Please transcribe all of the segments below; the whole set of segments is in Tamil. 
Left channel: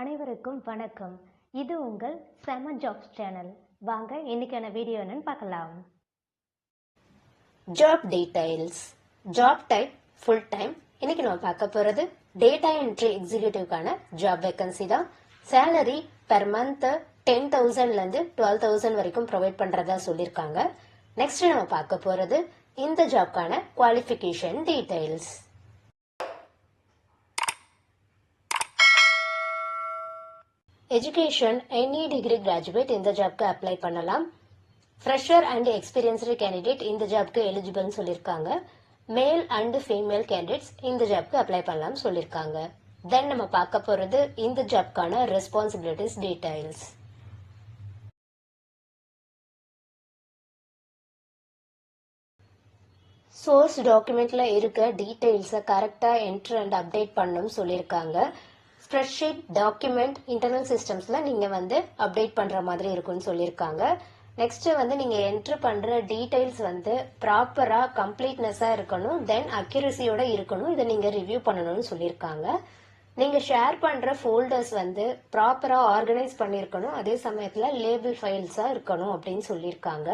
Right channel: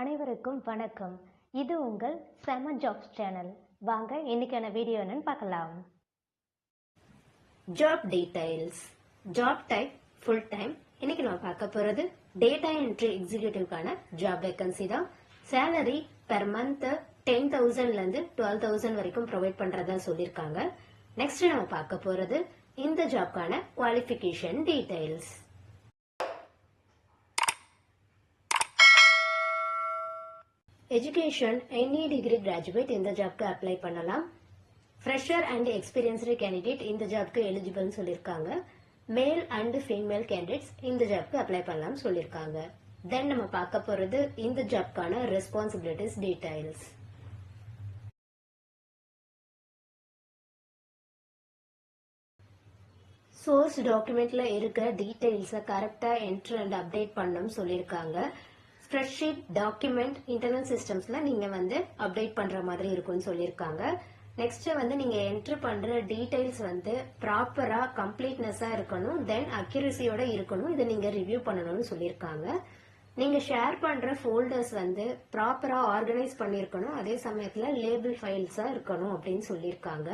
அனைவருக்கும் வணக்கம். இது உங்கள் செம ஜாப்ஸ் சேனல். வாங்க இன்னைக்கான வீடியோ என்னன்னு பார்க்கலாம். Job details. Job type full time. இன்னைக்கு நம்ம பார்க்க போறது டேட்டா என்ட்ரி எக்ஸிக்யூட்டிவ்கான ஜாப் வேகன்சி தான். சேலரி பெர் மந்த் 10,000 இருந்து 12,000 வரைக்கும் ப்ரொவைட் பண்றதா சொல்லியிருக்காங்க. நெக்ஸ்ட் நம்ம பார்க்க போறது இந்த ஜாப்கான qualification details. Education any degree graduate இந்த ஜாப்க்கு அப்ளை பண்ணலாம். ஃப்ரெஷர் அண்ட் எக்ஸ்பீரியன்ஸ்டு கேண்டிடேட் இந்த ஜாப்க்கு எலிஜிபிள்னு சொல்லியிருக்காங்க. மேல் அண்ட் ஃபீமேல் கேண்டிடேட்ஸ் இந்த ஜாப்க்கு அப்ளை பண்ணலாம் சொல்லியிருக்காங்க. தென் நம்ம பார்க்க போறது இந்த ஜாப்க்கான ரெஸ்பான்சிபிலிட்டிஸ் டீடைல்ஸ். சோர்ஸ் டாக்குமெண்ட்ல இருக்க டீடைல்ஸை கரெக்டா என்ட்ரு அண்ட் அப்டேட் பண்ணணும்னு சொல்லியிருக்காங்க. ஸ்ப்ரெட்ஷீட் டாக்குமெண்ட் இன்டர்னல் சிஸ்டம்ஸ்ல நீங்க அப்டேட் பண்ற மாதிரி இருக்கும்னு சொல்லியிருக்காங்க. நெக்ஸ்ட் நீங்க என்ட்ரு பண்ற டீடைல்ஸ் ப்ராப்பரா கம்ப்ளீட்னஸா இருக்கணும், தென் அக்யூரசியோட இருக்கணும். இதை நீங்க ரிவ்யூ பண்ணணும்னு சொல்லியிருக்காங்க. நீங்க ஷேர் பண்ற ஃபோல்டர்ஸ் ப்ராப்பரா ஆர்கனைஸ் பண்ணிருக்கணும், அதே சமயத்துல லேபிள் ஃபைல்ஸா இருக்கணும் அப்படின்னு சொல்லியிருக்காங்க.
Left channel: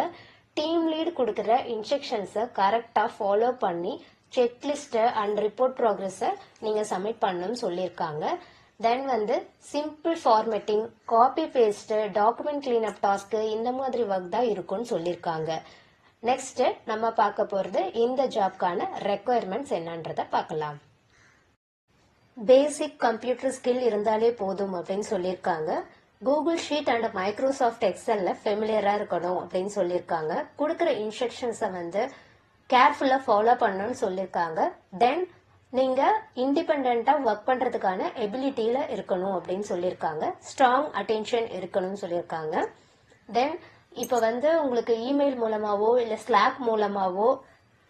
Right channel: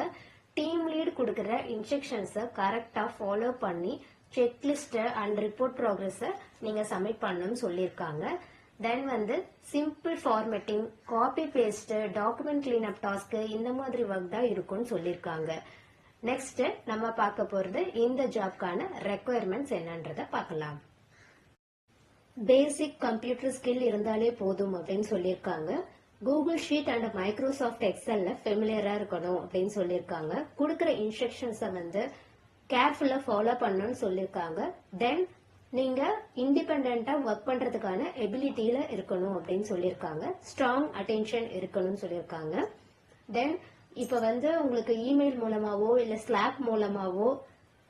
டீம் லீட் கொடுக்குற இன்ஸ்ட்ரக்ஷன்ஸை கரெக்டா ஃபாலோ பண்ணி செக்லிஸ்ட் அண்ட் ரிப்போர்ட் ப்ராக்ரஸை நீங்க சப்மிட் பண்ணணும்னு சொல்லியிருக்காங்க. Then simple formatting, copy paste, document clean up task இந்த மாதிரி ஒர்க் தான் இருக்கும்னு சொல்லியிருக்காங்க. நெக்ஸ்ட் நம்ம பார்க்க போறது இந்த ஜாப்கான ரெக்குயர்மெண்ட்ஸ் என்னன்றத பார்க்கலாம். பேசிக் கம்ப்யூட்டர் ஸ்கில் இருந்தாலே போதும் அப்படின்னு சொல்லியிருக்காங்க. கூகுள் ஷீட் அண்ட் மைக்ரோசாஃப்ட் எக்ஸல்ல ஃபெமிலியரா இருக்கணும் அப்படின்னு சொல்லியிருக்காங்க. கொடுக்குற இன்ஸ்ட்ரக்ஷன்ஸை கேர்ஃபுல்லா ஃபாலோ பண்ணணும்னு சொல்லியிருக்காங்க. தென் நீங்க இண்டிபெண்டா ஒர்க் பண்றதுக்கான எபிலிட்டியில இருக்கணும் அப்படின்னு சொல்லியிருக்காங்க. ஸ்ட்ராங் அட்டென்ஷன் இருக்கணும்னு சொல்லியிருக்காங்க. தென் இப்போ உங்களுக்கு இமெயில் மூலமாவோ இல்ல ஸ்லாக் மூலமாவோ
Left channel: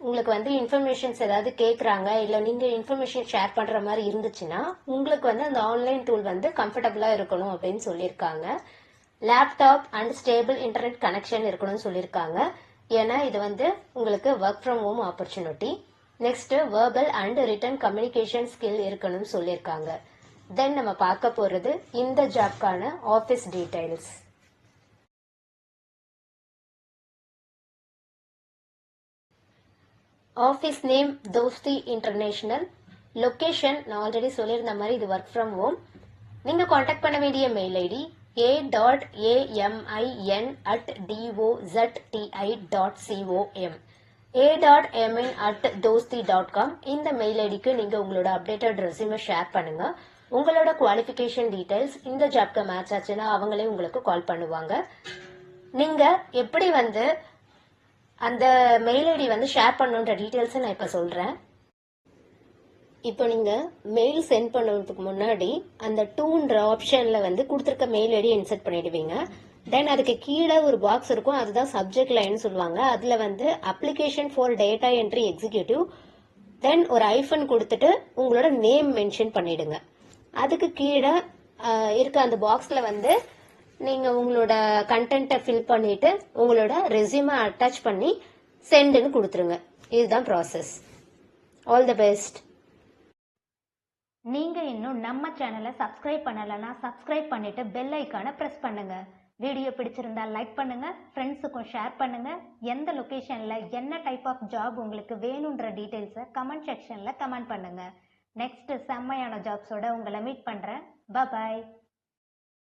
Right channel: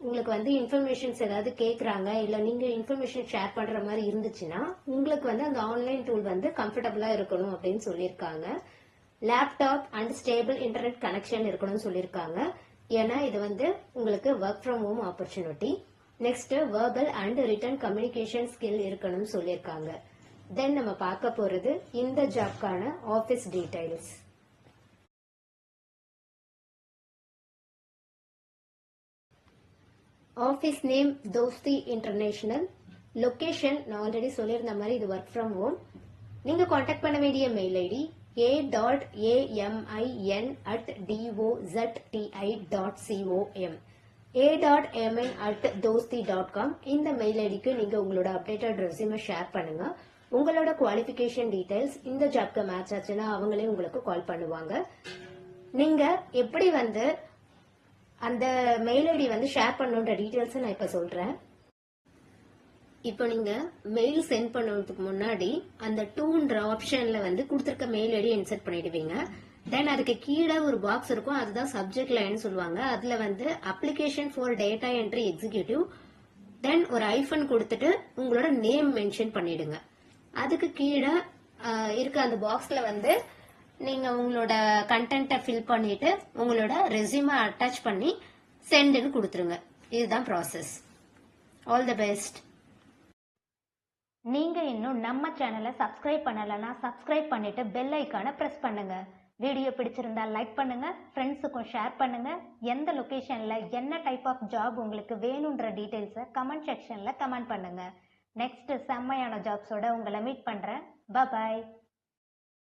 உங்களுக்கு இன்ஃபர்மேஷன்ஸ் ஏதாவது கேட்குறாங்க, இல்ல நீங்க இன்ஃபர்மேஷன் ஷேர் பண்ற மாதிரி இருந்துச்சுன்னா உங்களுக்கு அந்த ஆன்லைன் டூல் கம்ஃபர்டபுளா இருக்கணும் அப்படின்னு சொல்லியிருக்காங்க. Laptop and stable internet connection இருக்கணும்னு சொல்லியிருக்காங்க. ஏன்னா இது உங்களுக்கு work from home opportunity. Next verbal and written communication skill இருக்கணும்னு சொல்லியிருக்காங்க. தென் நம்ம பார்க்க போறது இந்த ஜாப்கான office details. Office name Dosti international. Location நான் ஆல்ரெடி சொல்லியிருந்த மாதிரி இது ஒர்க் ஃப்ரம் ஹோம். நீங்க காண்டாக்ட் பண்ண வேண்டிய மெயில் ஐடி a.amin@dozti.com a.min@dosti.com. இந்த மெயில் ஐடிக்கு நீங்க உங்களோட அப்டேட்டட் ரெஸ்யூமை ஷேர் பண்ணுங்க. உங்களோட குவாலிஃபிகேஷன் டீடைல்ஸ் இந்த ஜாப்க்கு மேட்ச் ஆச்சுன்னா அவங்களே உங்களுக்கு கால் பண்ணுவாங்க. நீங்க எப்படி அந்த மெயில் ஐடி ஷேர் பண்ணுன்ற டீடைல்ஸை நான் இப்ப சொல்றேன். இப்போ நீங்க மெயில் சென்ட் பண்ணுறதுக்கு முன்னாடி அந்த டூன்ற ஆப்ஷன்ல கொடுத்துருக்க மெயில் ஐடி இன்சர்ட் பண்ணிடுவீங்க. தென் அதுக்கு கீழே ஒரு பாக்ஸ் இருக்கும், அதுதான் சப்ஜெக்ட் லைன் சொல்லுவாங்க. அதுல application for data entry executive, then ஒரு ஐஃபன் கொடுத்துட்டு உங்களோட நேம் மென்ஷன் பண்ணிடுங்க. அதுக்கு கீழே இருக்க அந்த பாக்ஸ்ல நீங்க உங்களோட கண்டென்ட்டை ஃபில் பண்ணிட்டு உங்களோட ரெஸ்யூமை அட்டாச் பண்ணி சென்ட்னு கொடுத்துருங்க. இதுதான் ப்ராசஸ். All the best. நீங்க இன்னும் நம்ம சேனலை சப்ஸ்கிரைப் பண்ணலைன்னா சப்ஸ்கிரைப் பண்ணிட்டு பெல் ஐக்கானை பிரஸ் பண்ணுங்க. வீடியோ பிடிச்சிருந்தா லைக் பண்ணுங்க, ஃப்ரெண்ட்ஸுக்கும் ஷேர் பண்ணுங்க. எந்த லொகேஷன்ல என்ன டைப் ஆஃப் ஜாப் உங்களுக்கு வேணும்ன்ற டீடைல்ஸை கமெண்ட் செக்ஷன்ல கமெண்ட் பண்ணுங்க. நெக்ஸ்ட் செம்மையான ஜாப்ஸோட உங்களை மீட் பண்றேன். பாய்.